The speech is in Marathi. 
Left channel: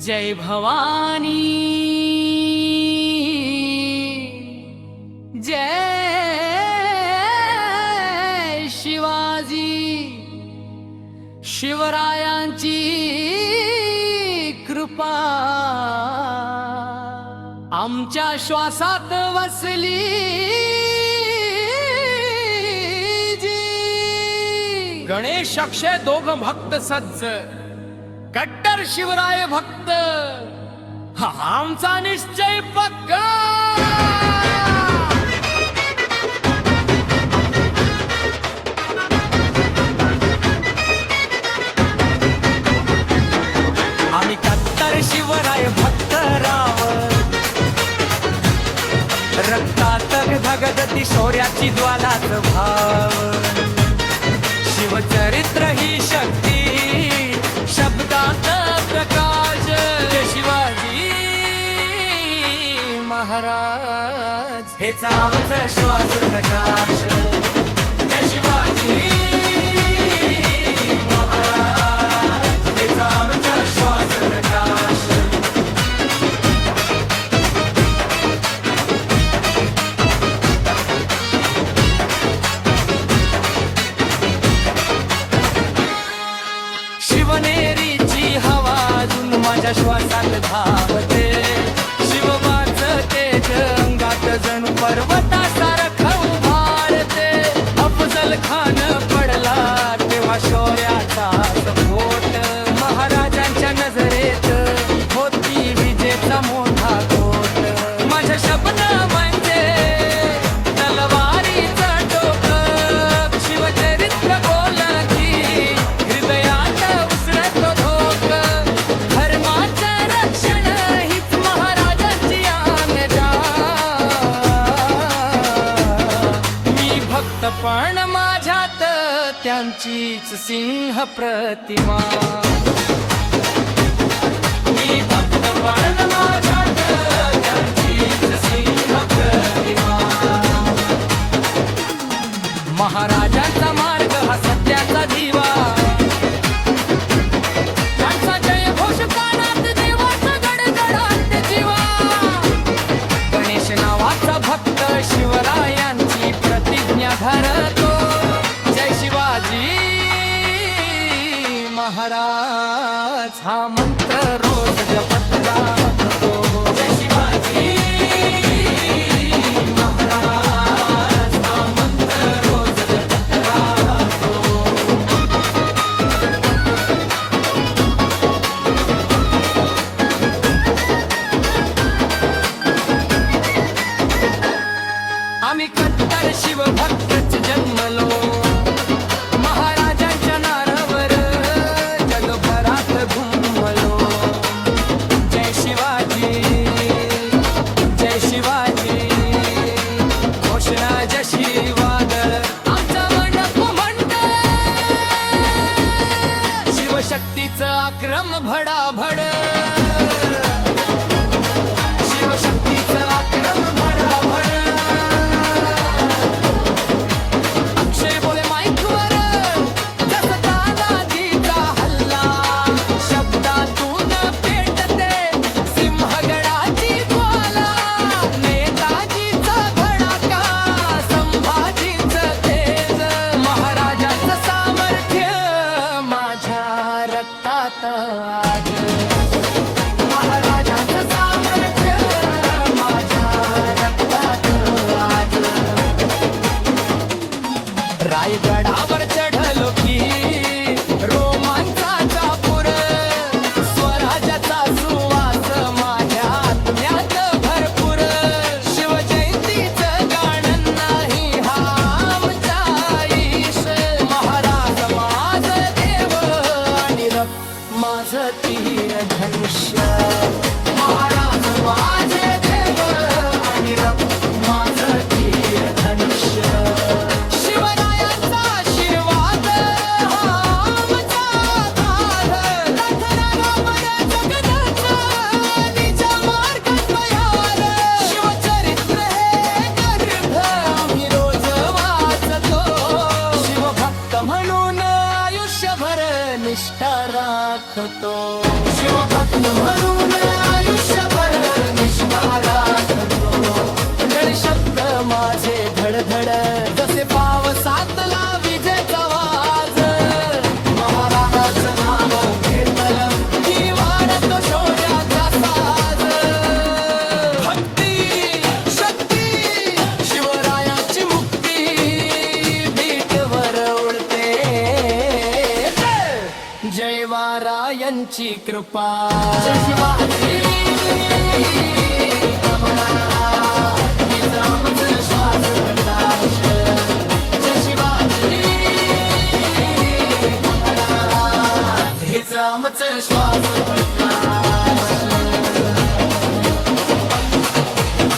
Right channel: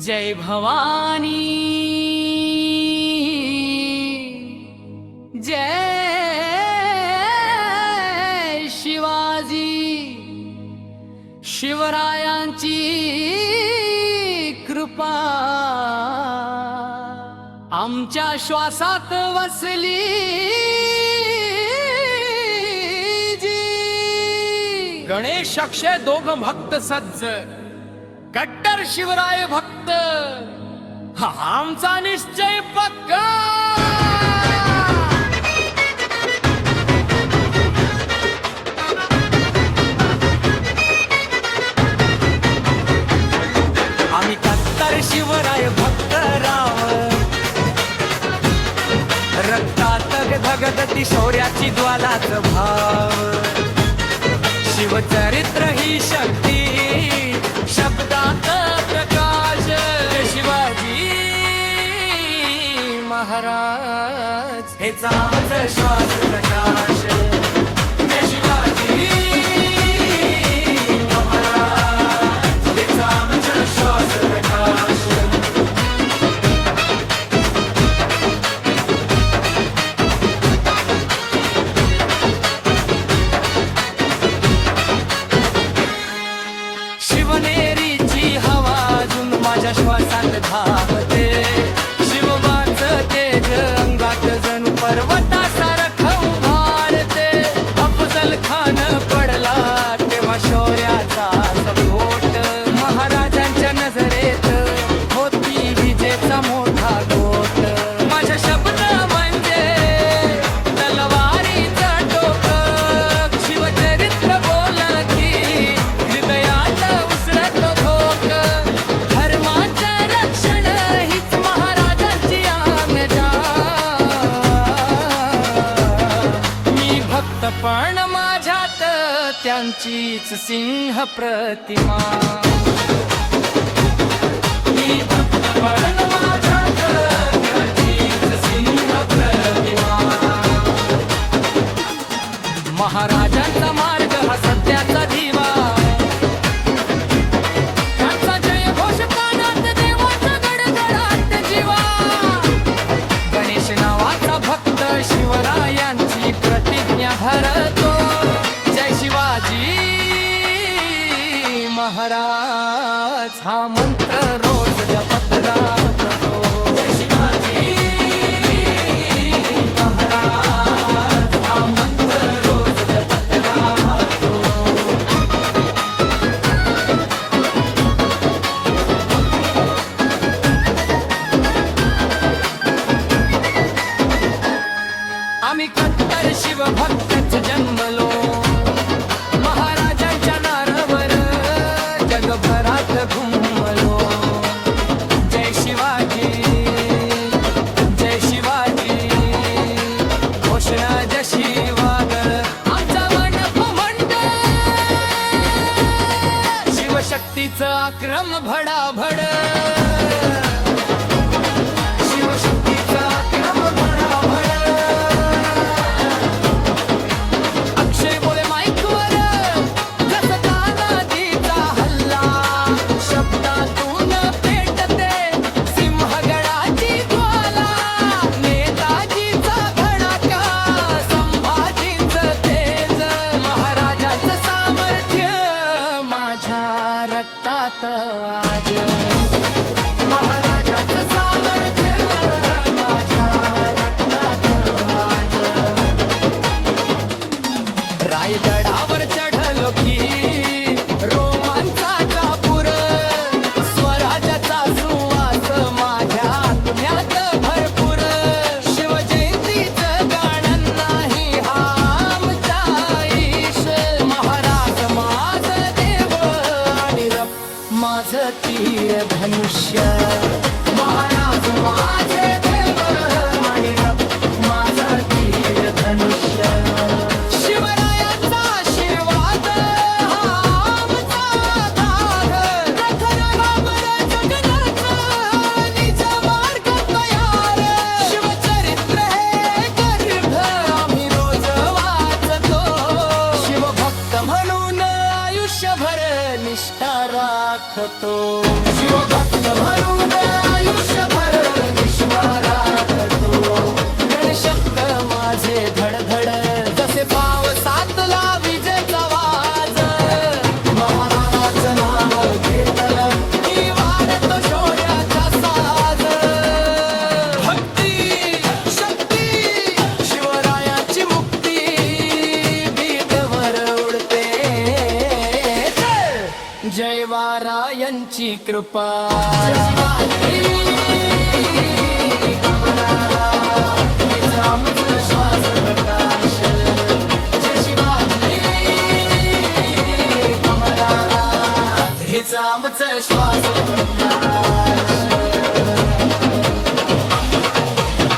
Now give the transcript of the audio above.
जय भवानी। जय शिवाजी। शिवरायांची कृपा। आमच्या श्वासात वसली जी। गणेश अक्षय दोघ भक्त सज्ज। कट्टर शिवराय भक्त? हा आमचा निश्चय पक्का! आम्ही कत्तर शिवराय भक्त राव. रक्तात धगधती शौर्याची ज्वालाच भाव. शिवचरित्र ही शक्ती. शब्दात प्रकाश शिवाजी महाराज. हे आमचं श्वास प्रकाश. शिवाजी. सोनेरीची हवा अजून माझ्या श्वासात धावते. शिवबाच तेज अंगात जणू पर्वतासारखं उभारते अफजल खान पडला तेव्हा शौर्याचा सपोट. महाराजांच्या नजरेत होती विजेचा मोठा गोट. माझ्या शब्द त्यांचीच सिंह प्रतिमा. मी भक्त महाराजांचा मार्ग हा सत्याचा दिवा. त्यांचा जय घोष कानात देवाचा गडगडात जीवा. गणेश नावाचा भक्त शिवरायांची प्रतिज्ञा धरतो. जय शिवाजी महाराज हा मंत्र रोज जपत राहतो. जय शिवाजी महाराज हा मंत्र रोज जपत राहतो. आम्ही कट्टर शिवभक्तच जन्मलो. घुमलो. जय शिवाजी जय शिवाजी. घोषणा जशी वादळ आमचा मंडप म्हणत शिवशक्तीचं आक्रम भडाभड. आज. महाराजांचं सामर्थ्य माझ्या रक्तात आज. रायगडावर चढलो की माझ तीर धनुष्य महाराज माझे देव आणि माझ तीर धनुष्य शिवरायांचा आशीर्वाद आमचा आधार. निज मार्ग तयार. शिवचरित्र हे गर्भ आम्ही रोज वाचतो शिवभक्त म्हणून आयुष्यभर निष्ठा राखतो. शिवभक्त निष्ठा राखतो माझे धडधड जसे पावसातला विजय चवाज जय वारायांची कृपा. हेच आमचं श्वास